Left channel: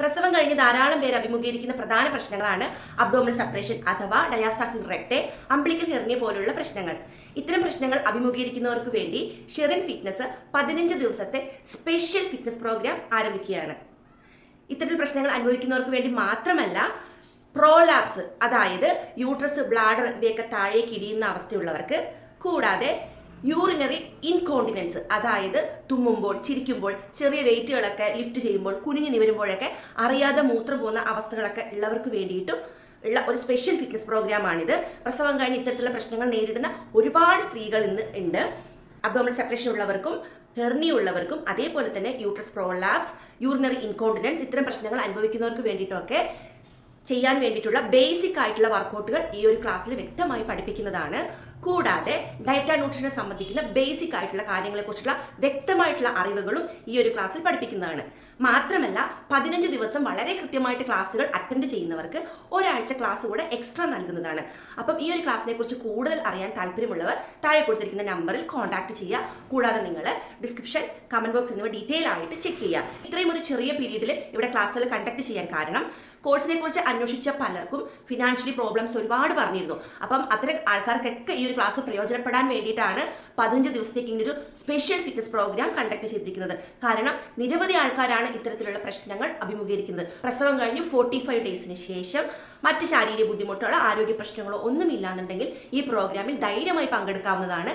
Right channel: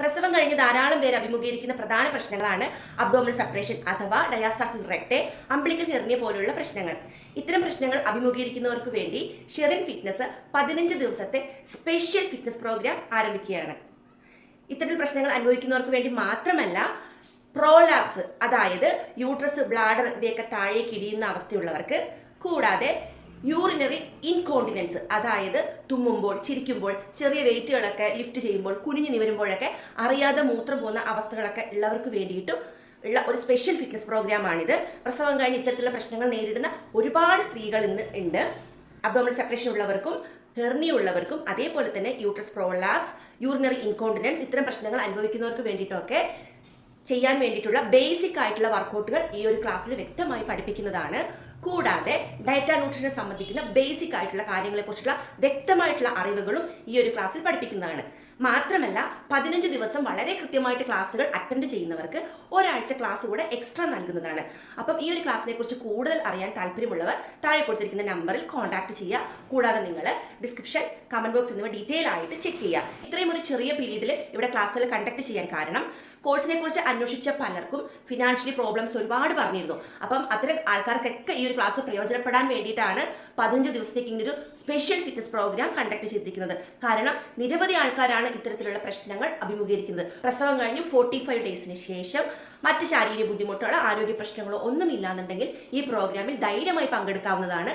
പ്രസവം കഴിഞ്ഞ് ധാരാളം പേര് അഭിമുഖീകരിക്കുന്ന പ്രധാന പ്രശ്നങ്ങളാണ് അബ്ഡോമിനൽ സെപ്പറേഷൻ അഥവാ ഡയാസ്റ്റാസിസ് റെക്ടെ, അംബിലിക്കൽ ഹെർണിയ പോലുള്ള പ്രശ്നങ്ങൾ. ഇത്തരം പ്രശ്നങ്ങൾ അഭിമുഖീകരിക്കുന്നവർക്ക് വേണ്ടി ഷെറിൻ ഫിറ്റ്നസ് 15 ദിവസത്തെ സ്പെഷ്യൽ ഫിറ്റ്നസ് പ്രോഗ്രാം ആരംഭിക്കുകയാണ്. ഇത്തരത്തിൽ പ്രശ്നങ്ങൾ അനുഭവിക്കുന്നവർക്ക് വേണ്ടി മാത്രമല്ല, പ്രോലാപ്സ് അതായത് യൂട്രസ്, ബ്ലാഡർ ഇവയൊക്കെ താഴേക്ക് ഇടിയുന്ന അവസ്ഥയുള്ളവർക്ക്, കൂടാതെ യൂറിനറി ഇൻകോണ്ടിനൻസ് അതായത് തുമ്മുമ്പോൾ, ചിരിക്കുമ്പോൾ, ചെറിയ വെയിറ്റുകളൊക്കെ ലിഫ്റ്റ് ചെയ്യുമ്പോൾ, കുനിഞ്ഞു നിവരുമ്പോഴൊക്കെ അറിയാതെ മൂത്രം പോകുന്ന അവസ്ഥകളൊക്കെ ഉള്ളവർക്ക് വേണ്ടിയിട്ടും ഉള്ള ഒരു സ്പെഷ്യൽ ഫിറ്റ്നസ് പ്രോഗ്രാമാണിത്. പ്രസവം കഴിഞ്ഞ് ഇത്തരത്തിലുള്ള പ്രശ്നങ്ങൾ നേരിടുന്ന ഒരുപാട് സ്ത്രീകൾ ഇന്ന് ഉണ്ട്. അബ്ഡോമിനൽ സെപ്പറേഷൻ ഉള്ളവർക്കും ഹെർണിയ ഉള്ളവർക്കും അതേപോലെ തന്നെ യൂട്രസ് പ്രോലാപ്സ്, യൂറിനറി ഇൻകോണ്ടിനൻസ് ഇത്തരം പ്രശ്നങ്ങൾ അനുഭവിക്കുന്നവർക്ക് വേണ്ടിയിട്ടൊക്കെ ചെയ്യാൻ വേണ്ടിയിട്ടുള്ള ബേസിക് ആയിട്ടുള്ള വർക്കൗട്ടുകൾ ഈ ഒരു ക്ലാസ്സിൽ വ്യക്തമായി പഠിപ്പിക്കുന്നതാണ്. കൂടാതെ ഡയറ്റ് ആൻഡ് ന്യൂട്രീഷനെ സംബന്ധിക്കുന്ന ബേസിക് ആയിട്ടുള്ള കാര്യങ്ങളെക്കുറിച്ചുള്ള വ്യക്തമായിട്ടുള്ള അറിവുകളും ഈ ഒരു ക്ലാസ്സിൽ പഠിപ്പിക്കുന്നതാണ്. മാത്രമല്ല 15 ദിവസം വളരെ കൃത്യമായിട്ട് ക്ലാസ്സുകൾ അറ്റൻഡ് ചെയ്യുന്നവർക്ക് ഒരാഴ്ച ക്ലാസ് കൂടെ എക്സ്ട്രാ നൽകുന്നതാണ്. അപ്പം ഈ ഒരു ക്ലാസ്സിനെ കുറിച്ച് കൂടുതൽ അറിയാൻ താല്പര്യമുള്ളവർ താഴെ കൊടുത്തിരിക്കുന്ന നമ്പറിൽ കോൺടാക്ട് ചെയ്യുക. കൂടാതെ നിങ്ങൾ ഡിസ്ക്രിപ്ഷൻ, കമന്റ് ബോക്സ് എന്നിവ ഡീറ്റെയിൽ ആയിട്ട് ചെക്ക് ചെയ്യുക. ഇത്രയും ഒരു ചെറിയ പീരീഡിൽ ഇവിടെ ക്ലാസ്സുകൾ കണ്ടക്ട് ചെയ്യാൻ കാരണം കോഴ്സിനെ കുറിച്ച് അന്വേഷിച്ച പലർക്കും ഫിനാൻഷ്യലി പ്രോബ്ലംസ് ഒരുപാട് പറഞ്ഞിരുന്നു. അപ്പം അത്തരം ആൾക്കാർക്കൊക്കെ ഈ ഒരു ക്ലാസ് പ്രയോജനപ്പെടാൻ വേണ്ടിയിട്ടാണ് 15 ദിവസത്തേക്ക് ഇങ്ങനൊരു സ്പെഷ്യൽ ഫിറ്റ്നസ് പ്രോഗ്രാം കണ്ടക്ട് ചെയ്തിരിക്കുന്നത്. കാരണം നിരവധി ആൾക്കാരാണ് ഇത്തരത്തിലുള്ള പ്രശ്നങ്ങൾ അഭിമുഖീകരിക്കുന്നത്. പ്രസവം കഴിഞ്ഞ് 45 ഡേയ്സിന് ശേഷം മറ്റ് ശാരീരിക ബുദ്ധിമുട്ടുകളോ ആരോഗ്യ പ്രശ്നങ്ങളോ ഒന്നുമില്ലാന്നുണ്ടെങ്കിൽ ഈ പ്രോഗ്രാമിൽ ധൈര്യമായി പങ്കെടുക്കാവുന്നതാണ്.